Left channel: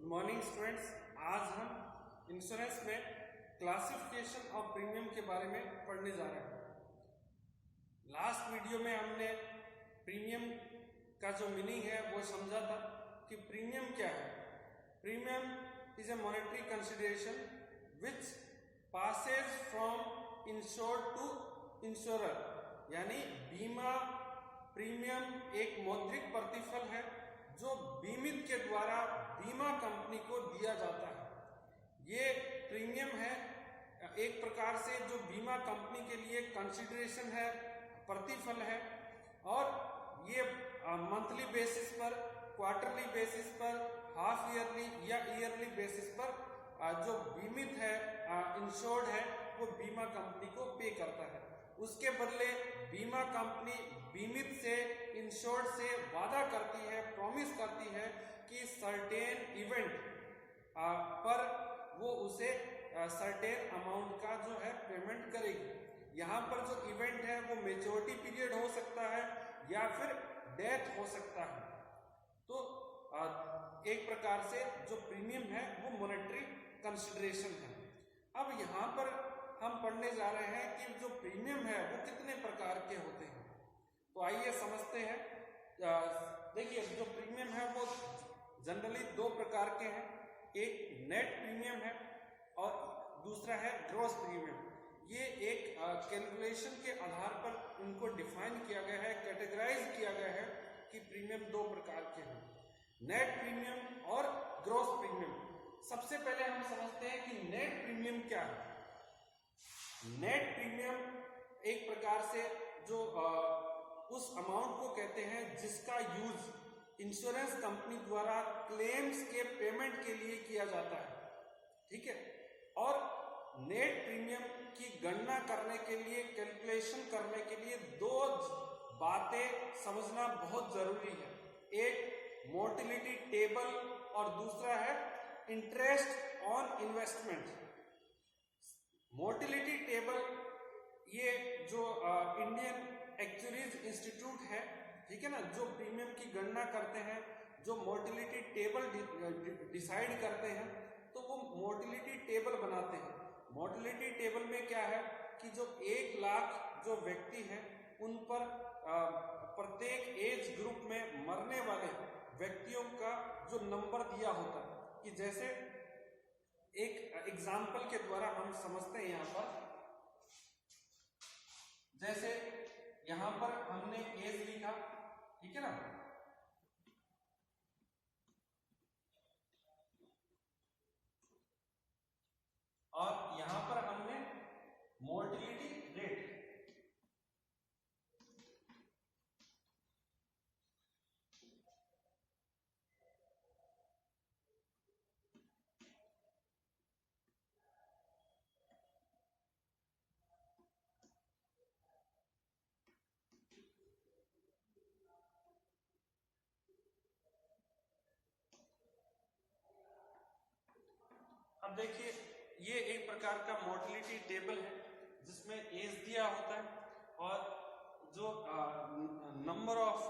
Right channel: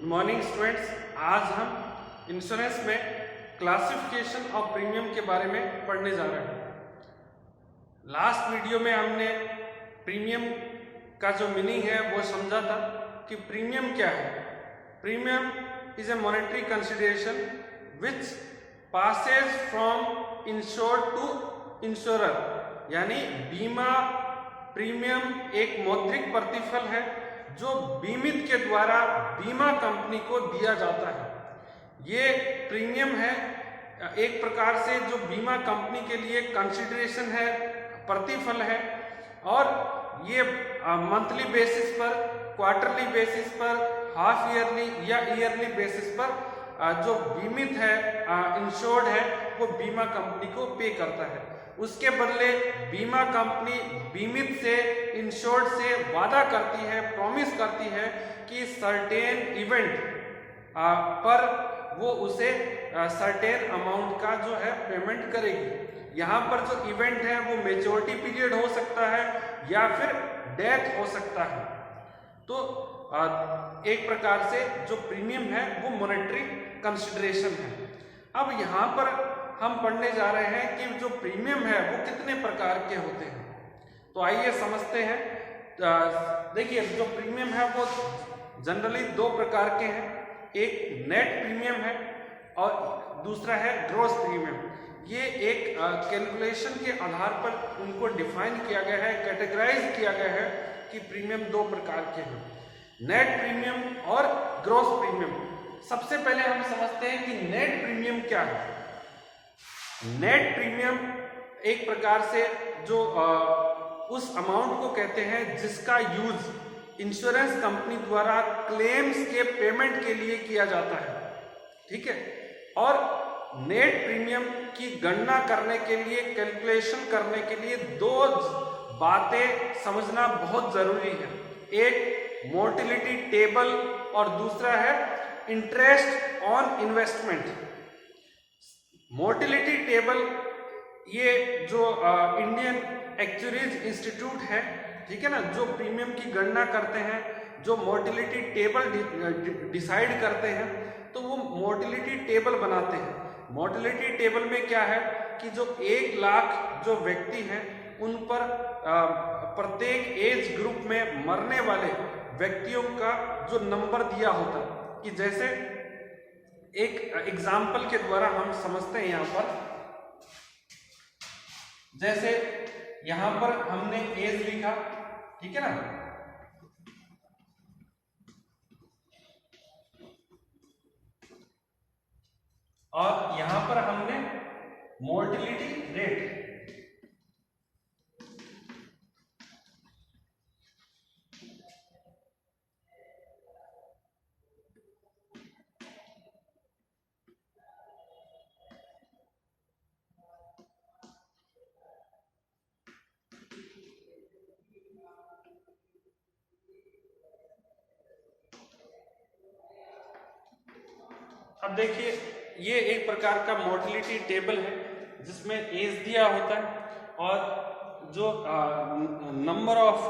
Good morning students. आज हम insurance में क्लासिफिकेशन ऑफ प्रीमियम के बारे में पढ़ने जा रहे हैं। लास्ट वीडियो में हमने प्रीमियम का जो मीनिंग है वो समझा था कि प्रीमियम क्या है। Premium is a monetary consideration which passes from insured to insurer, यानी बीमा प्रीमियम एक मौद्रिक प्रतिफल है जो बीमित के द्वारा बीमा कंपनी को दिया जाता है। ये प्रीमियम है एक प्रकार से जो बीमा कंपनी के लिए कंसिडरेशन है, प्रतिफल है, और ये मंथली बेसिस पर, क्वार्टरली बेसिस पर, हाफ ईयरली या ईयरली बेसिस पर जो बीमित है, इंश्योर्ड है, वो बीमा कंपनी को पे करता है। उसके बदले बीमा कंपनी बीमित से, इंश्योर्ड से वादा करती है, प्रॉमिस करती है कि सर्टेन इवेंट पर वो उसे सर्टेन अमाउंट का जो है पेमेंट करेगी। यहाँ पर जो इवेंट है वो मैच्योरिटी पीरियड हो सकता है या फिर डेथ हो सकता है। तो एक प्रकार से जो प्रीमियम है वो मॉनेटरी कंसिडरेशन है। अब यहाँ पर हम पढ़ने जा रहे हैं कि जो प्रीमियम है वो कितने प्रकार के होते हैं। तो आइए समझते हैं। देखिए, जो प्रीमियम है वो जनरली दो प्रकार के हैं। एक नेट प्रीमियम है और दूसरा है ग्रॉस प्रीमियम। ये एक कैलकुलेशन के आधार पर उनको डिफाइन किया गया है, कैटेगराइज किया गया है कि प्रीमियम दो प्रकार के हैं, नेट प्रीमियम और ग्रॉस प्रीमियम। सबसे पहले हम समझते हैं कि नेट प्रीमियम क्या है। नेट प्रीमियम एक प्रकार से जो उस अमाउंट को कहते हैं जिसका यूज इंश्योरेंस कंपनी द्वारा क्लेम्स के पेमेंट के लिए किया जाता है, ठीक है। और नेट प्रीमियम की गणना करने के लिए, कैलकुलेशन करने के लिए दो बातें समझना बहुत जरूरी है। एक मोर्टेलिटी टेबल और दूसरा है interest on investment. Mortality table ये जो इंडियन एक्चुअरीज इंस्टीट्यूट है, ठीक है ना, जो प्रीमियम की गणना करते हैं, जो मोर्टेलिटी टेबल डिसाइड करते हैं, तो वो मोर्टेलिटी टेबल बनाते हैं। मोर्टेलिटी टेबल में क्या है कि जो 1 लाख जो व्यक्ति हैं उन पर प्रत्येक एज ग्रुप में मरने वाले व्यक्तियों का जो नंबर दिया होता है, कि जैसे एक एग्जाम्पल के द्वारा हम समझते हैं। यहाँ पर जैसे यहाँ पर हमने एज लिखा, ठीक है ना, और यहाँ पर हमने मोर्टेलिटी रेट, अब देखिए ये एक प्रकार का मोर्टेलिटी टेबल है जिसमें एज दिया होता है और जो number of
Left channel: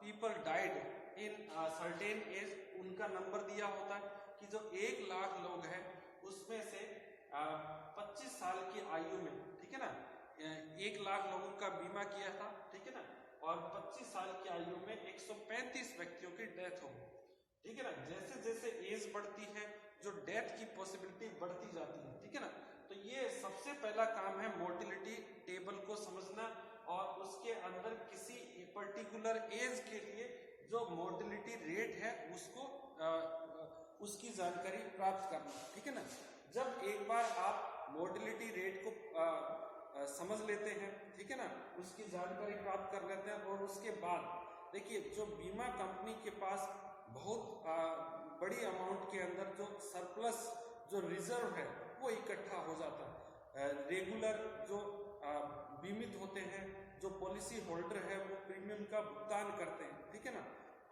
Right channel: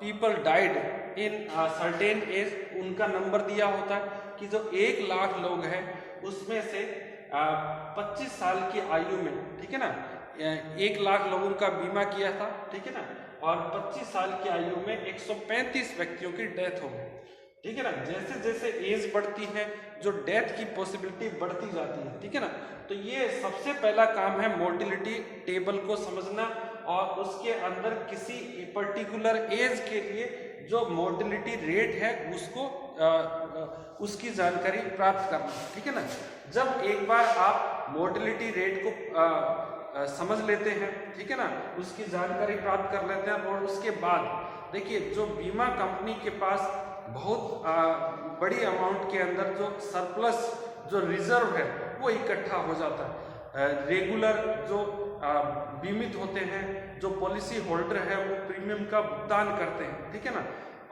people died in certain age उनका नंबर दिया होता है, कि जो 1 लाख लोग हैं उसमें से 25 साल की आयु में, ठीक है ना, 1 लाख लोगों का बीमा किया था, ठीक है ना, और 25 साल की आयु में 135 व्यक्तियों की डेथ हो गई, ठीक है ना। जैसे जैसे एज बढ़ती है जो डेथ की पॉसिबिलिटी बढ़ती जाती है, ठीक है ना। तो ये सबसे पहला काम है मोर्टेलिटी टेबल को समझना और उसके अंदर किसी पर्टिकुलर एज के लिए जो मोर्टेलिटी रेट है उसको उसकी जानकारी प्राप्त करना, ठीक है ना। जब एक बार आप मोर्टेलिटी रेट को समझ लेते हैं, ठीक है ना, उसकी जानकारी प्राप्त कर लेते हैं, और उसके बाद देखिए जो बीमा कंपनी के पास बहुत बड़ी अमाउंट के अंदर जो सरप्लस, जो रिजर्व है वो इकट्ठा हो जाता है। रेगुलर जो बीमित होते हैं, जो पॉलिसी होल्डर है, वो प्रीमियम का भुगतान करते हैं, ठीक है ना,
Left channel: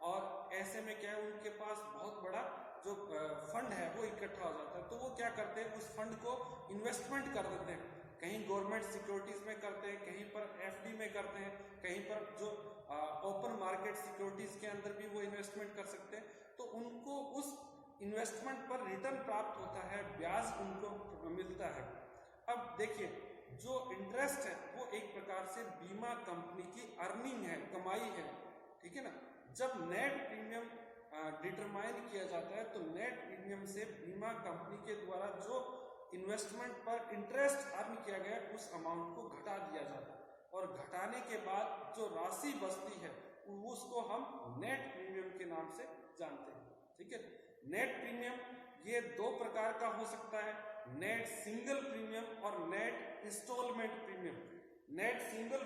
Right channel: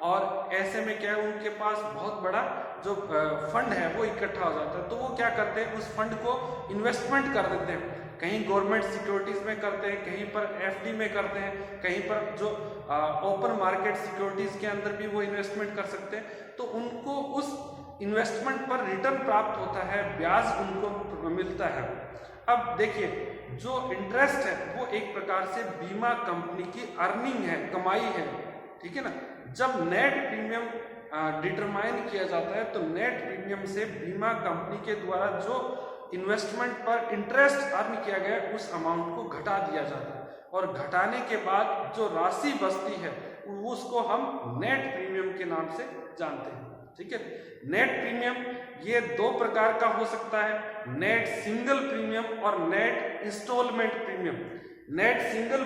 और ऐसे में क्या है, उनके पास बहुत बड़ा जो फंड है वो इकट्ठा हो जाता है। तो वो क्या करते हैं, उस फंड को इन्वेस्टमेंट कर देते हैं। कहीं गवर्नमेंट सिक्योरिटीज में करते हैं, कहीं पर एफडी में करते हैं, कहीं पर जो ओपन मार्केट सिक्योरिटीज के अंदर भी वो इन्वेस्टमेंट कर सकते हैं। तो उनको उस इन्वेस्टमेंट पर रिटर्न प्राप्त होता है, ब्याज उनको मिलता है। अब देखिए, जो इंटरेस्ट है वो एक प्रकार से बीमा कंपनी की अर्निंग है, कमाई है, ठीक है ना। जब नेट प्रीमियम डिटरमाइन किया जाता है तो नेट प्रीमियम से बीमा कंपनी के द्वारा जो इन्वेस्टमेंट पर इंटरेस्ट अर्न किया गया उस अमाउंट को घटा दिया जाता है, और घटाने के बाद जो राशि बचती है उसको हम नेट प्रीमियम के नाम से जानते हैं, ठीक है। नेट प्रीमियम ये दो प्रकार का हो सकता है, नेट सिंगल प्रीमियम और net instalment premium. Net single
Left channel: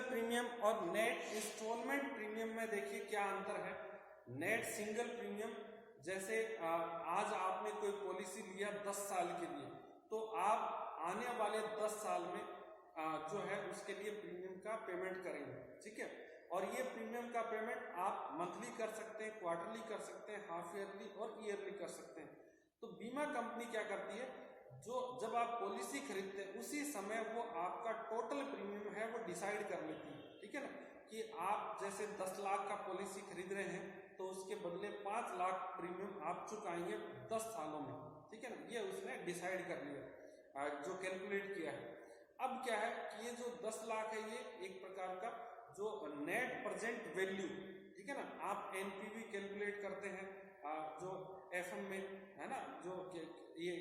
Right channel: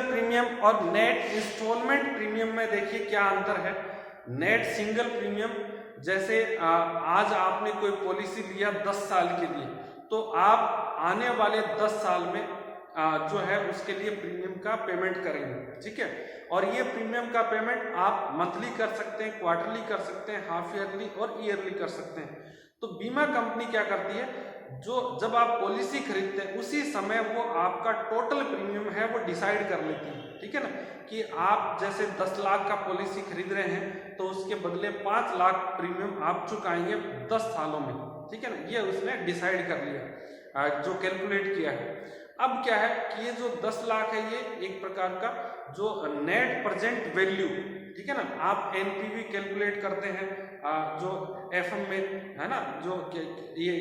premium और नेट इंस्टॉलमेंट प्रीमियम में देखिए क्या अंतर है। नेट सिंगल प्रीमियम, जैसे आज आपने कोई पॉलिसी लिया 10 साल के लिए, तो आप आने वाले 10 साल में जो है उसके लिए प्रीमियम का पेमेंट करेंगे, ठीक है। और ये प्रीमियम का पेमेंट आप मंथली कर सकते हैं, क्वार्टरली कर सकते हैं, हाफ ईयरली और ईयरली कर सकते हैं। तो बीमा कंपनी क्या करती है, जो जब आप पॉलिसी खरीदते हैं उसी समय वो आपका टोटल प्रीमियम है वो डिसाइड कर लेती है, ठीक है ना। कि आप जैसे 10 लाख का पॉलिसी खरीद रहे हैं तो उसके बदले 5 लाख प्रीमियम आप चुकाएंगे 10 सालों में, ठीक है ना। ये उसने डिसाइड कर लिया, जो कैलकुलेट किया है। अब क्या है कि ये जो 10 लाख है ये एक प्रकार का जो नेट प्रेजेंट वैल्यू, ठीक है ना। आप एनपीवी कैलकुलेट करते हैं जो एफएम में है ना, जो ये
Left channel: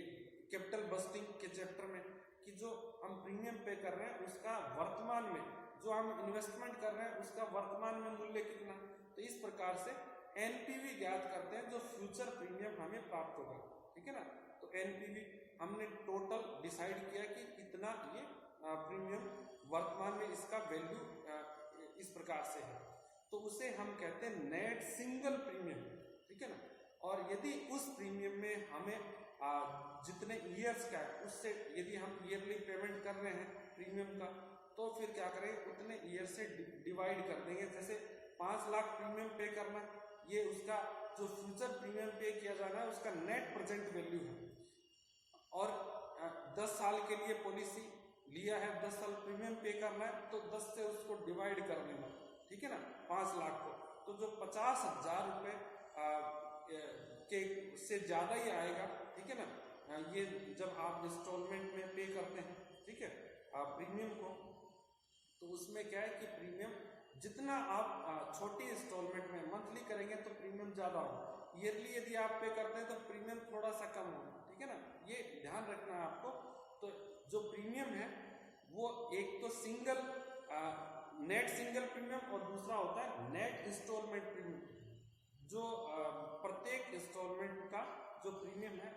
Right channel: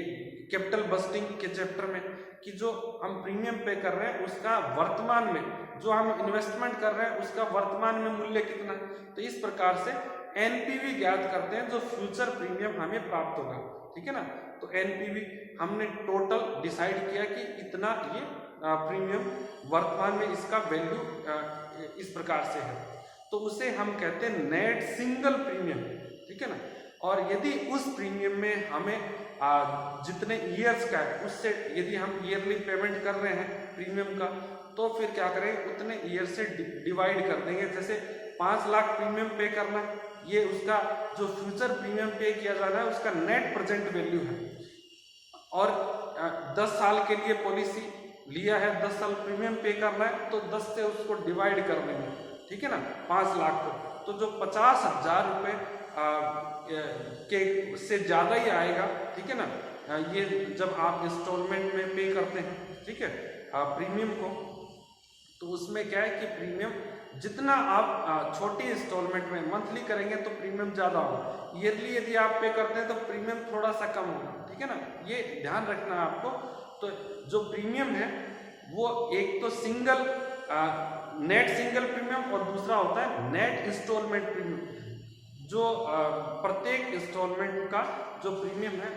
कैपिटल बस्टिंग के चैप्टर में, कि जो हम प्रीमियम पे कर रहे हैं उसका वर्तमान में, जो हम इन्वेस्टमेंट कर रहे हैं उसका वर्तमान में मूल्य कितना है। तो इस प्रकार से एनपीवी ज्ञात करते हैं जो फ्यूचर प्रीमियम हमें प्राप्त होगा, ठीक है ना। तो एनपीवी हमने टोटल डिसाइड किया कि इतना ये प्रीमियम वर्तमान में इसका वैल्यू इस प्रकार से है, तो उसे हम कहते हैं नेट सिंगल प्रीमियम, ठीक है ना। और यदि उस प्रीमियम में हमें जितने ईयर्स का है उससे यदि हम ईयरली पेमेंट कर रहे हैं प्रीमियम का, तो फिर क्या करें, उतने ईयर से डिवाइड कर देंगे। जैसे 5 लाख प्रीमियम पे करना है, ये उसका जो फ्यूचर प्रीमियम पे किया जाना है उसका नेट प्रेजेंट वैल्यू है। और 10 साल के लिए पॉलिसी लिया है, 10 साल प्रीमियम पे करना है, तो 10 से उसको डिवाइड कर देंगे, ठीक है ना, 5 लाख को। तो जो 50,000 रुपये के से ज़्यादा ही आएगा, ठीक है ना, ये जब आप इंस्टॉलमेंट में पे करते हैं, ठीक है, प्रीमियम को, तो उसमें क्या है कि प्रीमियम जितना आप छोटी इंस्टॉलमेंट में मंथली करेंगे तो प्रीमियम ज़्यादा होगा, ईयरली यदि आप पे करते हैं तो प्रीमियम थोड़ा सा कम होगा, ठीक है ना। ये ध्यान रखना है आपको। तो जो प्रीमियम है वो एक तो सिंगल नेट सिंगल प्रीमियम और दूसरा होता है नेट इंस्टॉलमेंट प्रीमियम, जो प्रत्येक इंस्टॉलमेंट का जो प्रीमियम है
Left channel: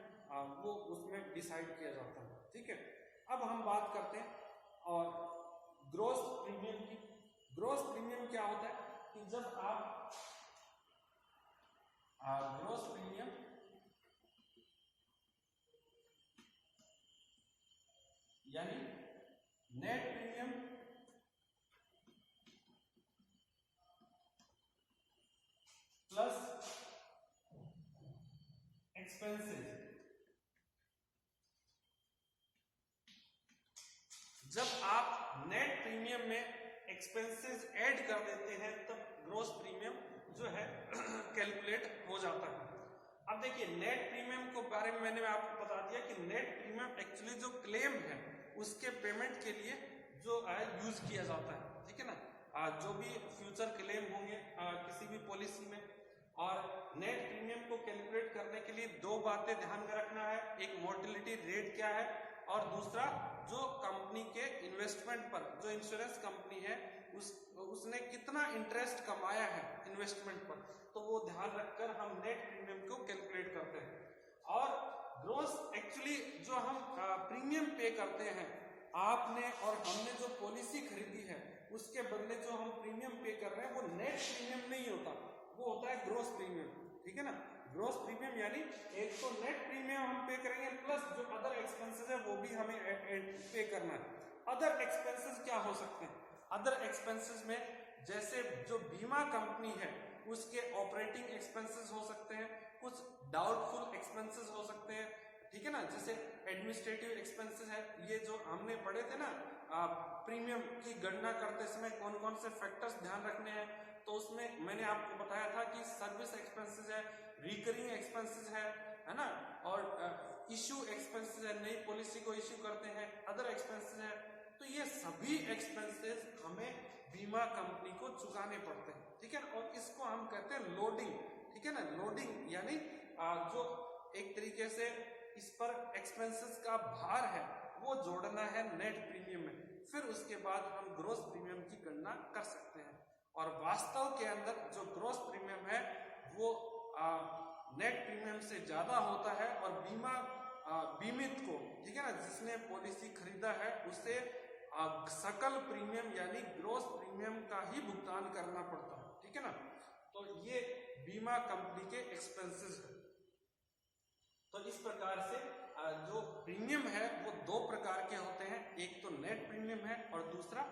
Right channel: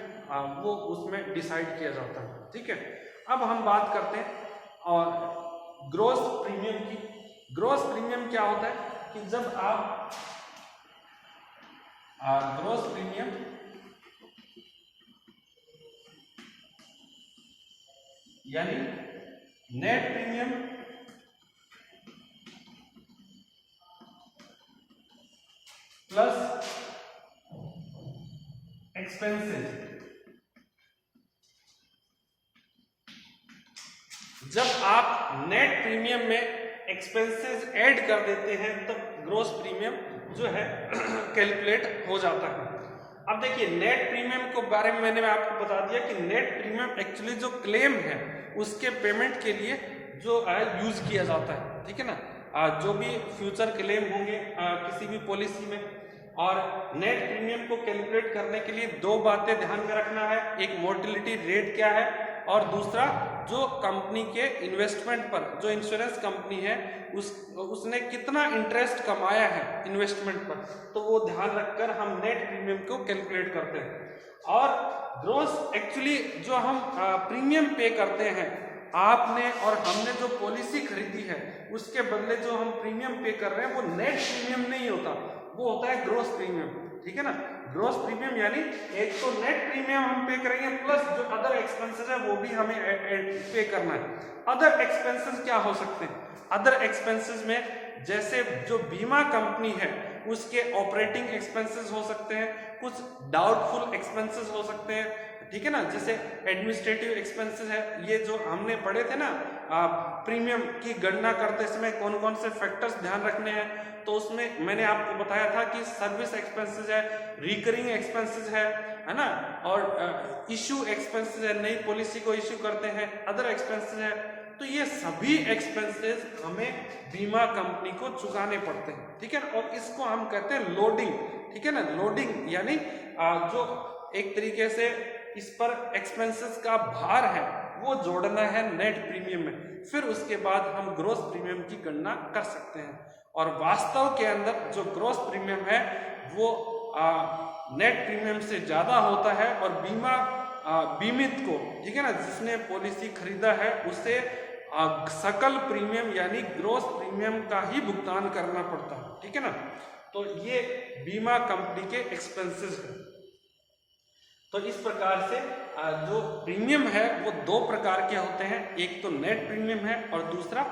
वो उसमें डिसाइड किया जाता है, ठीक है। अब हम बात करते हैं और ग्रॉस प्रीमियम की। ग्रॉस प्रीमियम क्या होता है कि जब आप ग्रॉस प्रीमियम यानी नेट प्रीमियम प्लस एक्सपेंसेस, जब आप नेट प्रीमियम में एक्सपेंसेस ऐड कर देते हैं तो ग्रॉस प्रीमियम जो है कैलकुलेट हो जाता है। अब देखिए, नेट प्रीमियम के बारे में मैंने आपको बता दिया कि नेट प्रीमियम एक्चुअली जो क्लेम है उसके पेमेंट के लिए जो है यूज किया जाता है, ठीक है ना। जो भी फ्यूचर क्लेम होंगे किसी भी पॉलिसी में, और नेट प्रीमियम को कैलकुलेट करने के लिए दो बातें ध्यान में रखना है, एक मोर्टेलिटी रेट क्या है और दूसरा जो कंपनी के इन्वेस्टमेंट पर, जो इंश्योरेंस कंपनी है उसने कितना इंटरेस्ट कमाया है इन्वेस्टमेंट पर, तो वो ध्यान रखकर हम नेट प्रीमियम को कैलकुलेट करते हैं। और ग्रॉस एक्चुअली जो हम प्रीमियम पे करते हैं, आपने और हमने जो पॉलिसी खरीदी है उसके बदले जो हम प्रीमियम पे कर रहे हैं वो नेट प्रीमियम नहीं होता, वो होता है ग्रॉस प्रीमियम, ठीक है ना। ग्रॉस प्रीमियम यानी एक तो नेट प्रीमियम हम पे करेंगे प्लस जो अदर एक्सपेंसेस है वो भी हमें पे करना है। अदर एक्सपेंसेस क्या हो सकते हैं? अदर एक्सपेंसेस में जैसे जो बीमा कंपनी है उसके ऑपरेटिंग एक्सपेंसेस हो सकते हैं, कुछ डाउटफुल एक्सपेंसेस हो सकते हैं, ठीक है ना। जैसे एडमिनिस्ट्रेटिव एक्सपेंसेस है, ये जो हमने पढ़े थे ना प्रीमियम की गणना करते समय कौन कौन से फैक्टर्स ध्यान रखने हैं। तो उसमें मैंने आपको बताया था कि सर्विस एक्सपेंसेस है, रिकरिंग एक्सपेंसेस है ना, और इश्यू एक्सपेंसेस है, नई पॉलिसी को इश्यू करते हैं, अदर एक्सपेंसेस है। तो ये सभी एक्सपेंसेस हमें बीमा कंपनी को चुकाने पड़ते हैं, ठीक है। और इसको हम कहते हैं लोडिंग, ठीक है ना। लोडिंग यानी जो एक तरीके से इस पर एक्सपेंसेस का भार है वो जोड़ना है नेट प्रीमियम में, फिर उसके बाद हम ग्रॉस प्रीमियम की गणना कर सकते हैं। और वास्तव के अंदर जो ग्रॉस प्रीमियम है वो नेट प्रीमियम से ज्यादा होता है, और बीमित को, ठीक है ना, जिसने पॉलिसी खरीदा है उसे सकल प्रीमियम यानी ग्रॉस प्रीमियम का ही भुगतान करना पड़ता है, ठीक है ना। तो ये बीमा कंपनी के एक्सपेंसेस है। तो इस प्रकार से जो प्रीमियम है वो दो प्रकार के होते हैं, एक तो नेट प्रीमियम है और दूसरा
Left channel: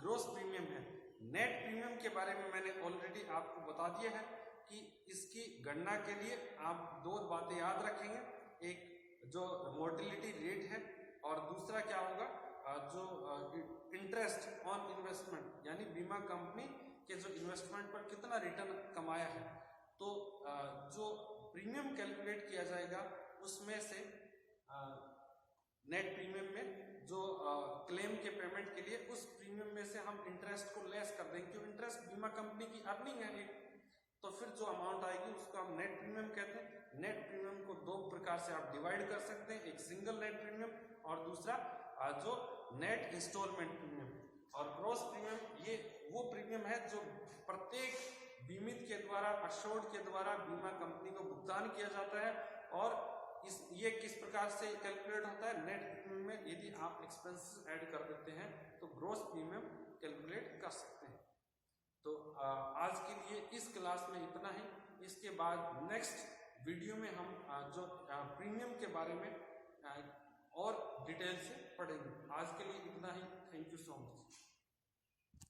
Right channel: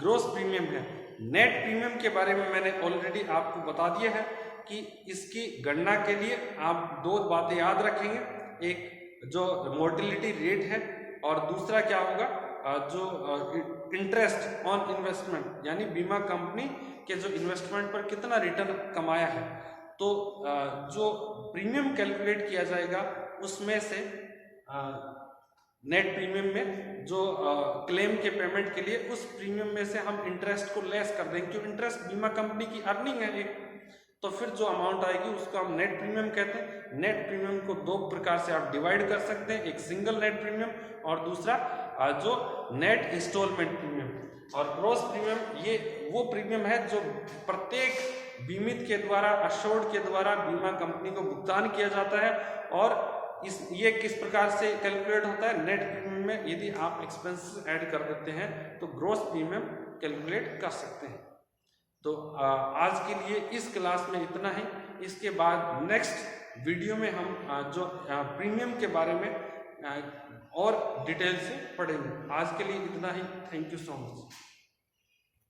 ग्रॉस प्रीमियम है। नेट प्रीमियम के बारे में मैंने ऑलरेडी आपको बता दिया है कि इसकी गणना के लिए आप दो बातें याद रखेंगे, एक जो मोर्टेलिटी रेट है और दूसरा क्या होगा, जो इंटरेस्ट ऑन इन्वेस्टमेंट, यानी बीमा कंपनी के जो इन्वेस्टमेंट पर कितना रिटर्न कमाया है। तो जो प्रीमियम कैलकुलेट किया जाएगा उसमें से नेट प्रीमियम में जो क्लेम के पेमेंट के लिए उस प्रीमियम में से हम इंटरेस्ट को लेस कर देंगे, क्योंकि इंटरेस्ट बीमा कंपनी की अर्निंग है एक। तो फिर जो अमाउंट आएगी उसको हम नेट प्रीमियम कहते हैं। नेट प्रीमियम को दो प्रकार से आप डिवाइड कर सकते हैं, एक सिंगल नेट प्रीमियम और दूसरा जो नेट इंस्टॉलमेंट प्रीमियम। और ग्रॉस प्रीमियम ये वो प्रीमियम है जो प्रत्येक बीमित के द्वारा, अश्योर्ड के द्वारा बीमा कंपनी को भुगतान किया जाता है। और ये किस प्रकार से कैलकुलेट होता है, नेट प्रीमियम में यदि आप एक्सपेंसेस ऐड कर देते हैं तो ग्रॉस प्रीमियम कैलकुलेट कर सकते हैं। तो आज के लिए इस क्लास में इतना ही। इसके बाद नेक्स्ट वीडियो में हम जो प्रीमियम के बारे में और डिटेल से पढ़ेंगे। आज के लिए इतना ही। Thank you so much.